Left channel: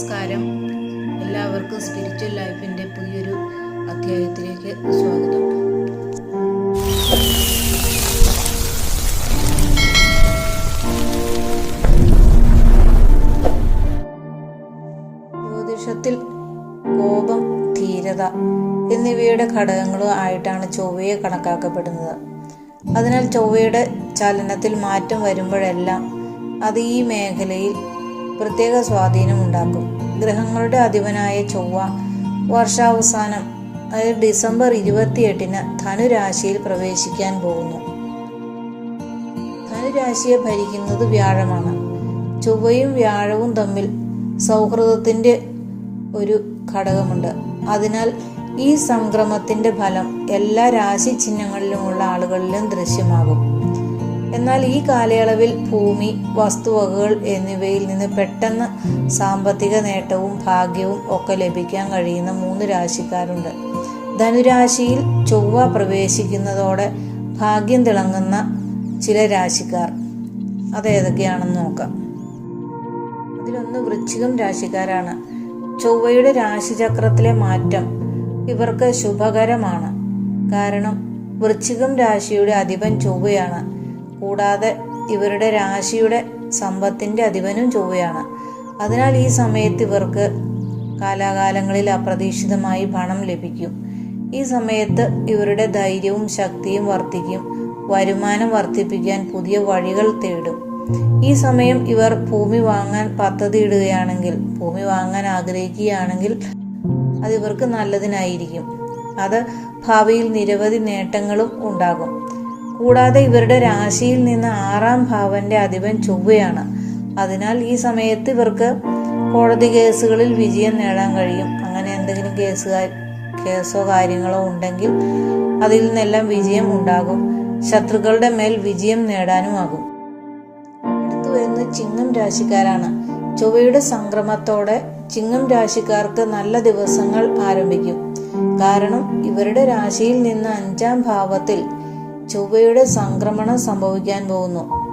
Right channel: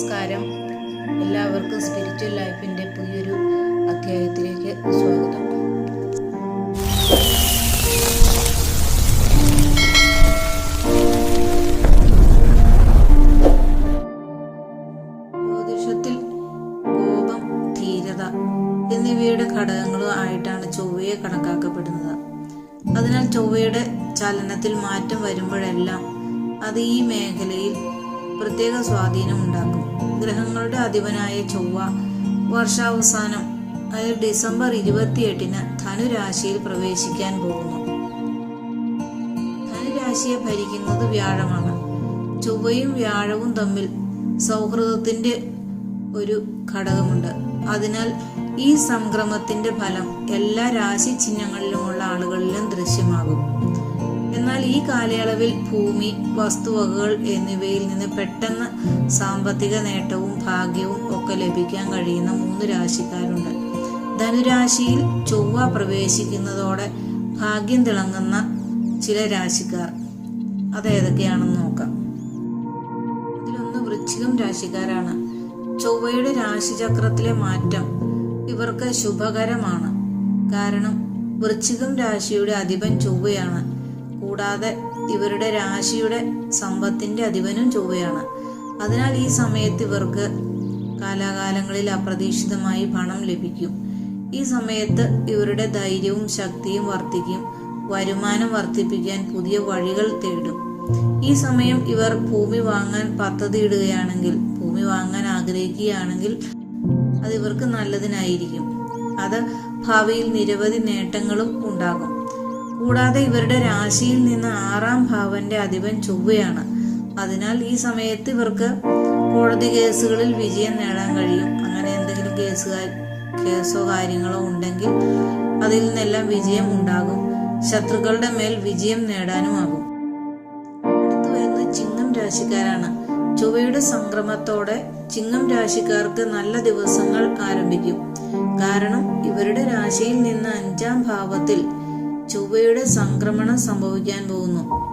നമസ്കാരം. എല്ലാവർക്കും സ്പിരിച്വൽ ലൈഫിന്റെ പുതിയൊരു അധ്യായത്തിലേക്ക് സ്വാഗതം. ജ്യോതിഷത്തിൽ കോപം ധീരത എന്നിവയുടെ ഘടകങ്ങളും ആയിട്ടാണ് ചൊവ്വയെ കണക്കാക്കപ്പെടുന്നത്. അതിനാൽ ചൊവ്വയുടെ ചലനത്തിൽ മാറ്റം വരുമ്പോഴെല്ലാം അത് ഈ മേഖലയിൽ പ്രത്യേക സ്വാധീനം സ്വാധീനമുണ്ടാക്കും. ഗ്രഹങ്ങളുടെ അധിപനായ ചൊവ്വ വർഷാവസാനം അതായത് ഡിസംബർ ഇരുപത്തിയെട്ടിന് ധനുരാശിയിൽ പ്രവേശിക്കാൻ പോകുന്നു. ധനുരാശിയെ ഭരിക്കുന്നത് വ്യാഴമാണ്. ചൊവ്വയും വ്യാഴവും തമ്മിൽ സൗഹൃദത്തിന്റെ ഒരു ഘടകമുണ്ട്. അതിനാൽ ഈ സംക്രമത്തിന്റെ ഫലം എല്ലാ രാശി ചിഹ്നങ്ങളിലുമുള്ള ആളുകളിലും ദൃശ്യമാകും. എന്നാൽ ഈ കാലയളവിൽ ഭൂമി വസ്തുവകകൾ എന്നിവയിൽ നിന്ന് പെട്ടെന്ന് സാമ്പത്തിക നേട്ടവും ഭാഗ്യവും ഒക്കെ ലഭിക്കാൻ കഴിയുന്ന മൂന്ന് രാശിക്കാരുണ്ട്. ധനുരാശിയിൽ ചൊവ്വ പ്രവേശിക്കുന്നതോടെ ഭാഗ്യം തിളങ്ങുന്ന ചില രാശിക്കാർ. അതേതൊക്കെയാണെന്ന് നോക്കാം. അതിലൊന്ന് വൃശ്ചികം രാശിക്കാരാണ്. ചൊവ്വയുടെ രാശിചക്രത്തിലെ മാറ്റം ഇവർക്ക് ശുഭകരമാണ്. കാരണം വൃശ്ചികം രാശിയുടെ അധിപൻ ചൊവ്വയാണ്. കൂടാതെ ഇവരുടെ രാശിയുടെ സമ്പത്തിന്റെ അധിപനും ചൊവ്വയാണ്. അതിനാൽ ഈ സമയത്ത് ഇവർക്ക് കാലാകാലങ്ങളിൽ അപ്രതീക്ഷിതമായി പണം ലഭിക്കും. ഈ സമയത്ത് ഇവരുടെ ധൈര്യവും ശക്തിയും വർദ്ധിക്കും. വരുമാനം വർദ്ധിപ്പിക്കാൻ പുതിയ വഴികൾ തേടും. ഈ സമയം ഇവർ ഭൂമി വാങ്ങാൻ പദ്ധതിയിടുകയാണെങ്കിൽ ഭൂമി വാങ്ങാൻ ആഗ്രഹിക്കുകയാണെങ്കിൽ അത് ഇവർക്ക് നല്ലതിനായിരിക്കും. അത് ഭാവിയിൽ നിരവധി നേട്ടങ്ങളും ഉണ്ടാകും. കൂടാതെ ഇവരുടെ രാശിയിൽ നിന്ന് ആറാം ഭാവന്റെ അധിപൻ ചൊവ്വയാണ്. അതിനാൽ ഈ സമയത്ത് ഇവർക്ക് കോടതി കേസുകളിൽ വിജയം നേടാൻ കഴിയും. അങ്ങനെ എന്തെങ്കിലും കേസുകാർ കേസോ കാര്യങ്ങളോ ഉണ്ടെങ്കിൽ അതിൽ നിന്നെല്ലാം വിജയം ഉണ്ടാകും. ശത്രുക്കളുടെ മേൽ വിജയം നേടാനുമാകും അടുത്തു വരുന്നത് ചിങ്ങം രാശിക്കാരാണ്. ചൊവ്വയുടെ സംക്രമത്തോടെ ചിങ്ങം രാശിക്കാർക്ക് നല്ല ദിവസങ്ങൾ ആരംഭിക്കും. കാരണം ഇവരുടെ രാശിയിൽ നിന്ന് അഞ്ചാം ഭാവത്തിൽ ചൊവ്വയുടെ സംക്രമണം സംഭവിക്കാൻ പോകുന്നു.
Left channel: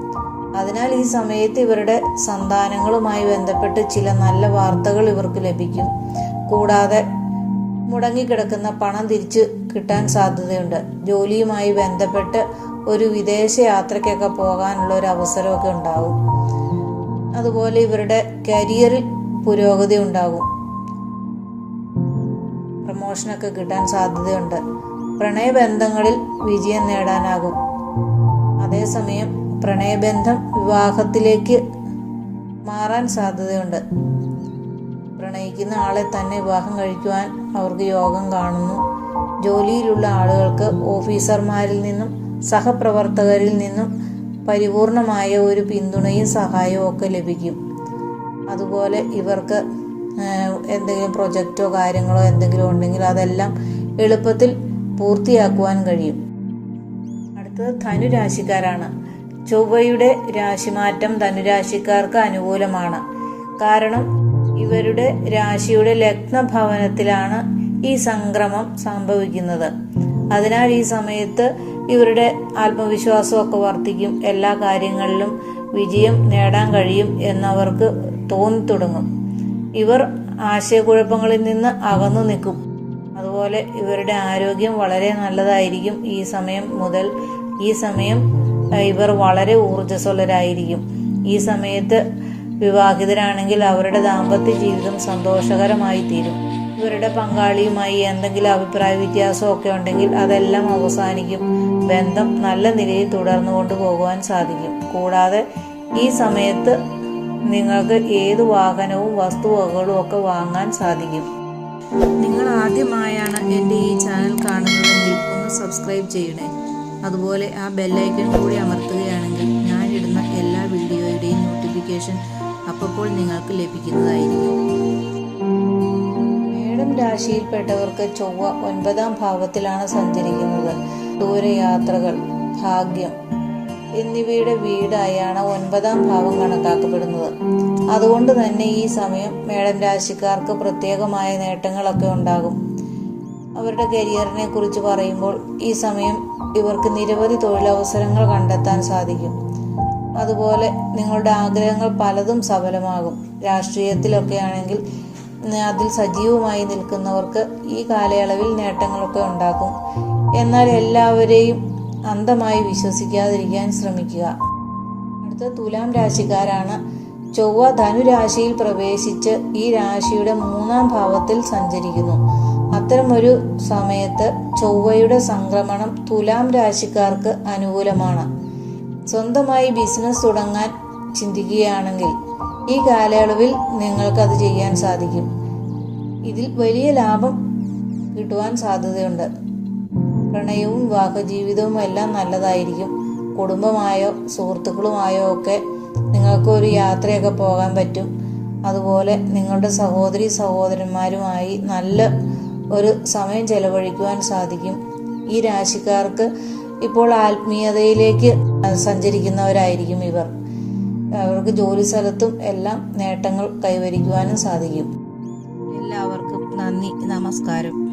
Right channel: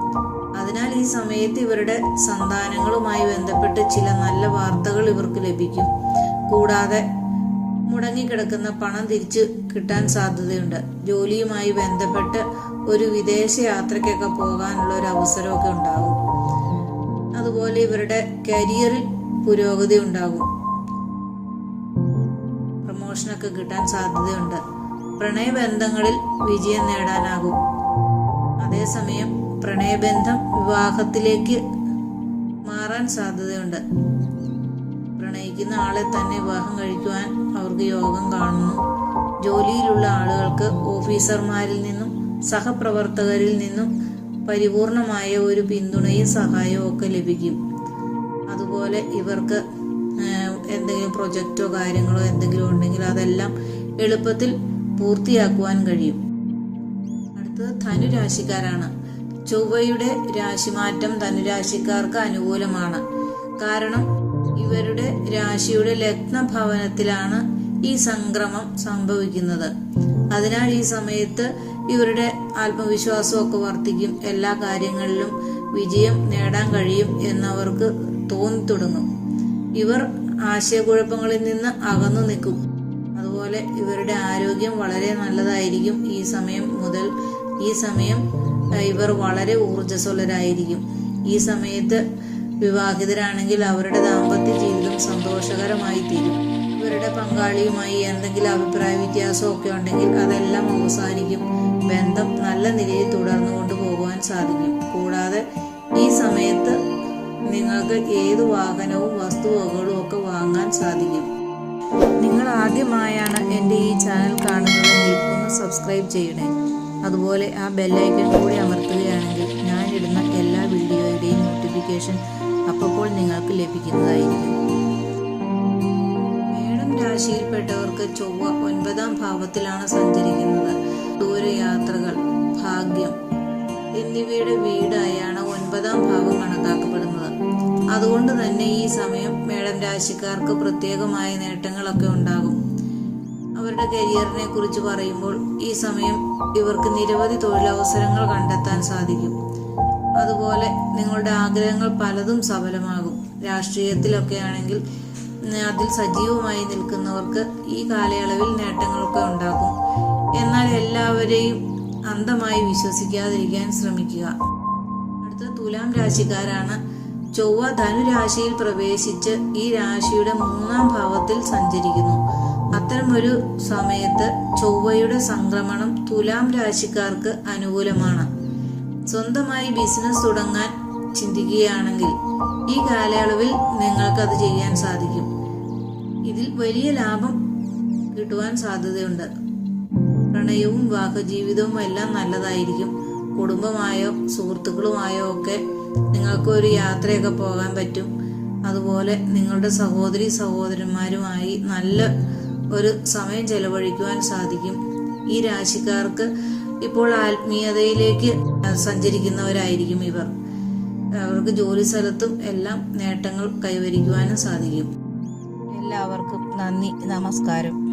അതിനാൽ ഈ സമയത്ത് ഇവരുടെ സന്താനങ്ങളുമായി ബന്ധപ്പെട്ട് ചില നല്ല വാർത്തകൾ ഇവർക്ക് ലഭിക്കും. കൂടാതെ മുടങ്ങിക്കിടക്കുന്ന പണം തിരിച്ചു കിട്ടാൻ സാധ്യതയുണ്ട്. ജോലിയുമായി ബന്ധപ്പെട്ട് ഒരു വിദേശ യാത്രയ്ക്കൊക്കെ പോകാനുള്ള ഒരു അവസരമൊക്കെ ഉണ്ടാകും. അതുപോലെ ഇവരുടെ കരിയറിൽ പുരോഗതി ഉണ്ടാകും. പ്രമോഷനൊക്കെ കിട്ടാൻ സാധ്യതയുണ്ട്. പ്രണയബന്ധങ്ങളിൽ വിജയം നേടാനാകും. അതേസമയം പ്രണയബന്ധം വിവാഹത്തിലേക്ക് മാറാൻ സാധ്യതയുണ്ട്. പ്രണയിക്കുന്ന ആളെ തന്നെ വിവാഹം കഴിക്കുവാൻ അവർക്ക് യോഗം കാണുന്നു. ജോലിയിലുള്ള ആളുകൾക്ക് ഓഫീസർമാരിൽ നിന്നും സഹപ്രവർത്തകരിൽ നിന്നും പരിപൂർണമായ ഒരു പിന്തുണയും സഹായവും ഒക്കെ ലഭിക്കും. അതുപോലെ ഇവർക്ക് എന്തെങ്കിലും പ്രൊജക്റ്റോ കാര്യങ്ങളോ എന്തെങ്കിലും ഉണ്ടെങ്കിൽ അതെല്ലാം എളുപ്പത്തിൽ പൂർത്തിയാക്കുവാൻ കഴിയും. അടുത്തത് ധനുരാശിക്കാരാണ്. ചൊവ്വയുടെ രാശിമാറ്റം ധനുരാശിക്കാർക്ക് അനുകൂലമാണ്. കാരണം ഇവരുടെ രാശിയുടെ ലഗ്നഭവനത്തിലാണ് ഈ സംക്രമം സംഭവിക്കുന്നത്. അതിനാൽ ഈ സമയത്ത് ഇവരുടെ ആത്മവിശ്വാസമൊക്കെ വർദ്ധിക്കും. എല്ലാ കാര്യങ്ങളിലും വിജയം നേടാൻ കഴിയും എന്നവർക്ക് തോന്നി തുടങ്ങും ഇവർ ആശയക്കുഴപ്പങ്ങളിൽ നിന്ന് അകന്നു നിൽക്കും. അതുപോലെ ഇവരുടെ ആരോഗ്യം വളരെ നല്ലതായിരിക്കും. ഈ സമയം മുതൽ ഈ സമയം ഇവർ വളരെ ഊർജസ്വലരായിരിക്കും. ഈ സമയത്ത് വിവാഹിതരാണെങ്കിൽ അവരുടെ ദാമ്പത്യ ജീവിതം സന്തോഷകരമായി തീരും. ഇവരുടെ പങ്കാളിയുമായി എന്തെങ്കിലും അഭിപ്രായ വ്യത്യാസമൊക്കെ ഉണ്ടെങ്കിൽ അതെല്ലാം അവസാനിക്കും. ബന്ധം നല്ല നിലയിൽ തുടർന്നു കൊണ്ടുപോകുവാൻ സാധിക്കും. കൂടാതെ ഈ സമയത്ത് നിങ്ങൾക്ക് ഏത് വാഹനവും വസ്തുവകകളും ഒക്കെ വാങ്ങാൻ സാധിക്കും. നിങ്ങൾ ആദ്യമായാണ് എന്റെ ഈ ചാനൽ കാണുന്നതെങ്കിൽ ഒന്ന് സബ്സ്ക്രൈബ് ചെയ്യണേ. അതുപോലെ ആ ബെല്ലൈക്കൺ കൂടി അമർത്തുകയാണെങ്കിൽ ഞാൻ ഇടുന്ന എല്ലാ വീഡിയോയുടെയും നോട്ടിഫിക്കേഷൻ അപ്പോൾ നിങ്ങൾക്ക് ലഭിക്കുന്നതായിരിക്കും. മേടം രാശിയിൽപ്പെട്ടവർക്ക് ചൊവ്വ ഒൻപതാം ഭാവത്തിലാണ് സഞ്ചരിക്കുന്നത്. ദൂരയാത്രകൾ ഭാഗ്യം എന്നിവയുടെ വീടായാണ് ഒൻപതാം ഭാവം കണക്കാക്കപ്പെടുന്നത്. അതുകൊണ്ട് തന്നെ ഈ സമയം മേടം രാശിക്കാർക്ക് പ്രത്യേകമായ നേട്ടങ്ങളൊക്കെ ഉണ്ടാകും. അവരുടെ കരിയറിനെ കുറിച്ച് പറയുമ്പോൾ ഈ സമയം ഇവർക്ക് നിരവധി തൊഴിലവസരങ്ങൾ കണ്ടെത്താൻ സാധിക്കും. അതുപോലെ നിങ്ങളുടെ ആഗ്രഹങ്ങൾ പലതും സഫലമാകും. രാഷ്ട്രീയത്തിലൊക്കെ ആണെങ്കിൽ അതിൽ സജീവമായി നിൽക്കുന്നവർക്ക് ഈ കാലയളവിൽ നേട്ടങ്ങളൊക്കെ ഉണ്ടാക്കും എന്നാൽ എല്ലാവരെയും അന്ധമായി വിശ്വസിക്കാതിരിക്കാൻ ശ്രമിക്കുക. അടുത്ത തുലാം രാശിക്കാരാണ്. ചൊവ്വ ധനുരാശിയിൽ പ്രവേശിച്ച് ഈ രാശിയുടെ മൂന്നാം ഭാവത്തിൽ സഞ്ചരിക്കുന്നു. അത്തരമൊരു സമയത്ത് ചൊവ്വയുടെ സംക്രമണം തുലാം രാശിക്കാർക്ക് അനുകൂലമാണ്. സ്വന്തമായി ബിസിനസ് തുടങ്ങാൻ ചിന്തിക്കുകയാണെങ്കിൽ ഈ കാലയളവിൽ നിങ്ങൾക്കത് ചെയ്യാൻ സാധിക്കും. ഇതിൽ വലിയ ലാഭം കിട്ടുവാൻ സാധ്യതയുണ്ട്. പ്രണയവും വിവാഹ ജീവിതവും എല്ലാം നല്ലതായിരിക്കും. കുടുംബമായോ സുഹൃത്തുക്കളുമായോ ഒക്കെ നിങ്ങൾക്ക് ഒരു യാത്രയൊക്കെ പോകാൻ പറ്റും. അതുപോലെ നിങ്ങളുടെ സഹോദരി സഹോദരന്മാരുമായി നല്ല ഒരു സമയം ചെലവഴിക്കുവാൻ സാധിക്കും. ഈ രാശിക്കാർക്ക് ഇപ്പോൾ ആത്മീയതയിലേക്ക് സഞ്ചരിക്കുന്നവരായിരിക്കും ഇവർ. അവർക്ക് ജോലി സ്ഥലത്തും എല്ലാം നേട്ടങ്ങൾ കൈവരിക്കുവാനും സാധിക്കും. എല്ലാവർക്കും നന്ദി നമസ്കാരം.